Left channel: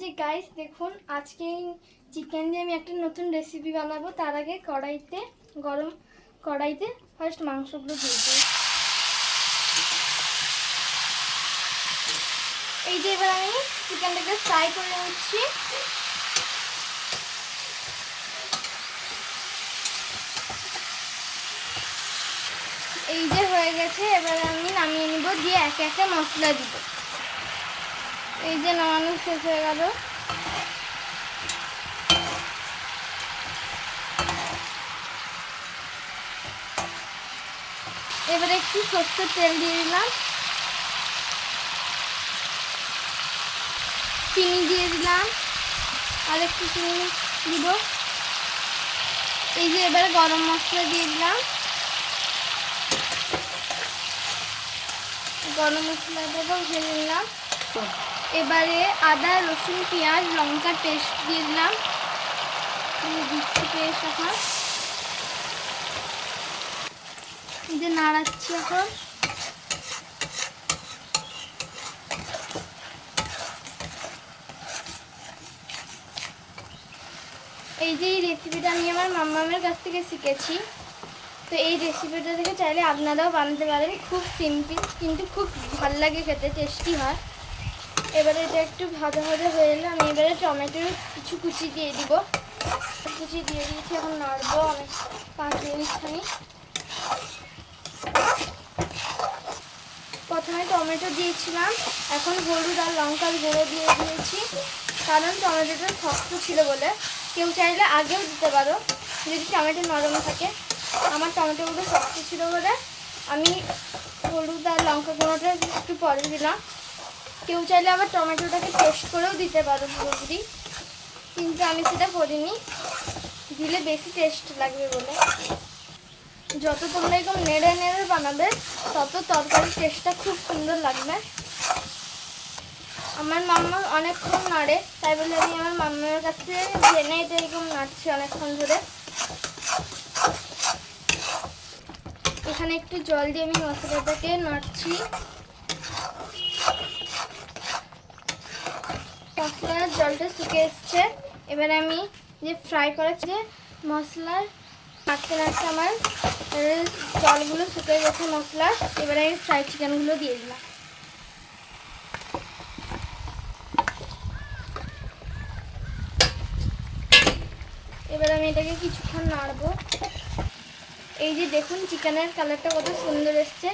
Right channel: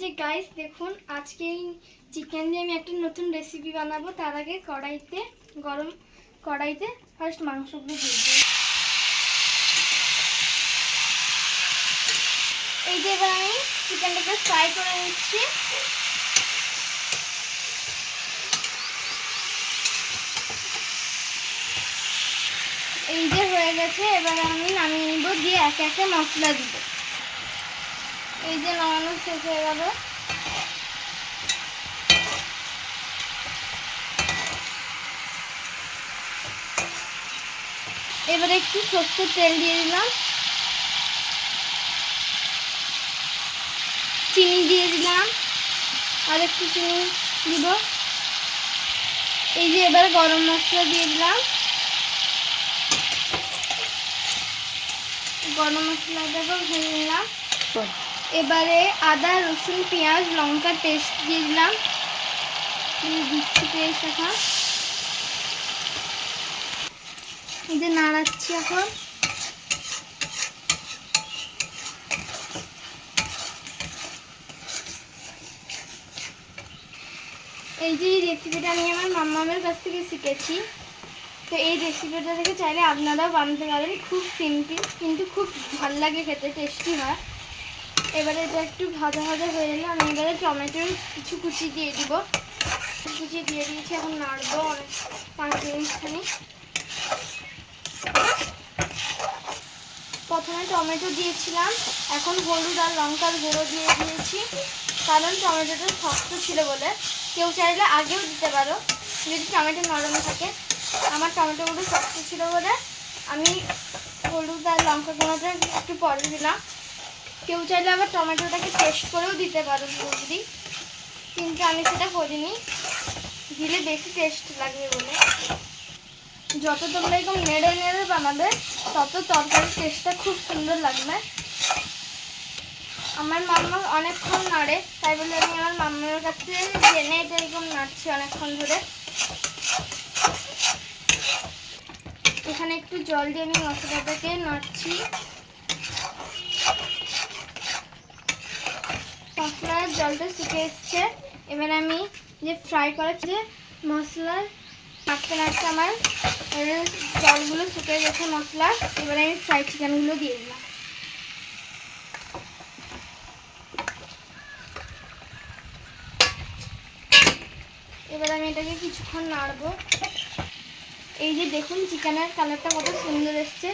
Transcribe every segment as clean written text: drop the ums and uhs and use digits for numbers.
যে গাইস দেখুন, আজকে এই চিকেন দিয়ে আমি একটা নতুন রেসিপি বানাবো। তার আগে গরম কড়াইতে ফার্স্ট মাংসগুলো দিয়ে দিই। এই যে এবার আমি চিকেনটাকে ফ্রাই করে নিচ্ছি। এই যে হয়ে গেছে, এবার আমি নামিয়ে নিব, দিয়ে একে একে মশলা দিব। এই যে নামানো শেষ হয়ে গেল। এবারে একটু সরষের তেল দিয়ে দিলাম, চিনি দিয়ে দিলাম, আর একটু চিনি দিব। এই যে এবারে গরম মশলা দিয়ে দিলাম, গরম মশলাটাকে ভেজে নিলাম। এবারে আদা রসুন পেঁয়াজ লঙ্কার পেস্ট দিয়ে দিলাম, দিচ্ছি পেস্ট। এখন এই যে নাড়াচ্ছি। এখন এই যে এই রেসিপিটা আমি আমার মাম্মামের কাছ থেকে শিখেছি। তো এই রেসিপিটা থেকে চাইলে আপনারাও বানাতে পারেন। খুব সিম্পল কিন্তু খুব ভালো লাগে খেতে, টেস্টি হয়। এবারে এটা একটু ভাজা ভাজা হয়ে গেলে আমি এবারে টমেটোর কিছু কুচি দিয়ে দিব। কুচি দিয়ে দিয়েছি, এখন নাড়বো অনেক 5 মিনিট খানি। প্রথমে টমেটো দিয়েছিলাম, এখন হলুদ আর লঙ্কার গুঁড়ো দিয়ে দিয়েছি, কারণ টমেটোটা শক্ত ছিল বলে। কেউ চাইলে আগেও দিতে পারো যদি টমেটো নরম থাকে। আমার টমেটোগুলো শক্ত ছিল বলে আমি হলুদ আর লঙ্কা গুঁড়োটা একটু পরে দিলাম। কেউ চাইলে আবার টমেটোটাকে পেস্ট করেও দিতে পারো পুরোপুরি, কিন্তু আমি সেটা করিনি, দিলে বেশি টেস্ট লাগবে বলে। যত তোমরা এরকম নেড়ে নেড়ে বানাবে তত তরকারির টেস্টটা খুব সুন্দর লাগবে। আমার মাম্মা অনেকক্ষণ নাড়ে, তাই বলে আমি আমার মাম্মার কাছে জেনে এটা এরকম নাড়ছি অনেকক্ষণ ধরে। এখানে একটু জল দিয়ে আমি মশলাটাকে নাড়ছি। মশলার জলটা শুকিয়ে এসছে। এবার আমি যে ফ্রাই করেছি যে মশলার নাড়তে নাড়তে আমার জলগুলো শুকিয়ে গেছে মশলার। এবারে আমি ফ্রাই চিকেনগুলো দিয়ে দিলাম। এবার আমি এটাকে কিছুক্ষণ নাড়বো। এই যে দেখুন চিকেনের কালারটা কত সুন্দর এসছে।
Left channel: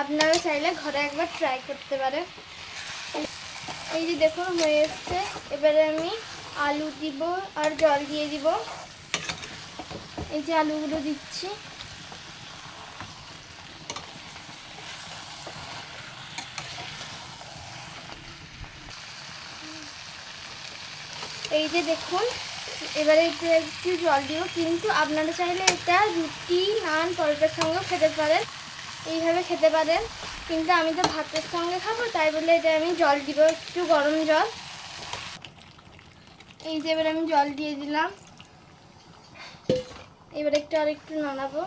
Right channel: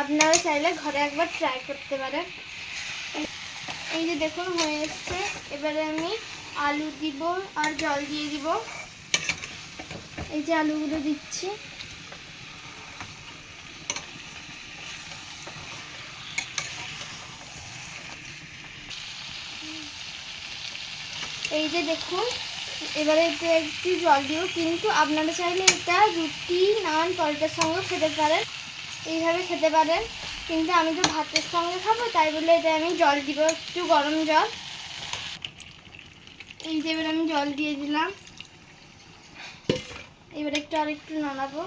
আপনারা চাইলে ঘরে একবার ট্রাই করতে পারেন। এই যে দেখুন হয়ে এসছে। এবারে আমি আলু দিব আর জল দিয়ে দিব। এই যে আলুগুলো দিচ্ছি। এই যে দেখুন, এবারে এটা একটু জল দিব, কিন্তু আপনারা চাইলে এটা রুটি নান পরোটার সঙ্গেও খেতে পারেন, এইভাবে খেতে পারেন। কিন্তু আমি তো ভাতের সঙ্গে খাবো, তাই বলে এটা আমি জল দিব, একটু গরম জল। এই যে এবার আমি জল দিয়ে দিলাম। এবার একটু আর একটু নাড়াবো।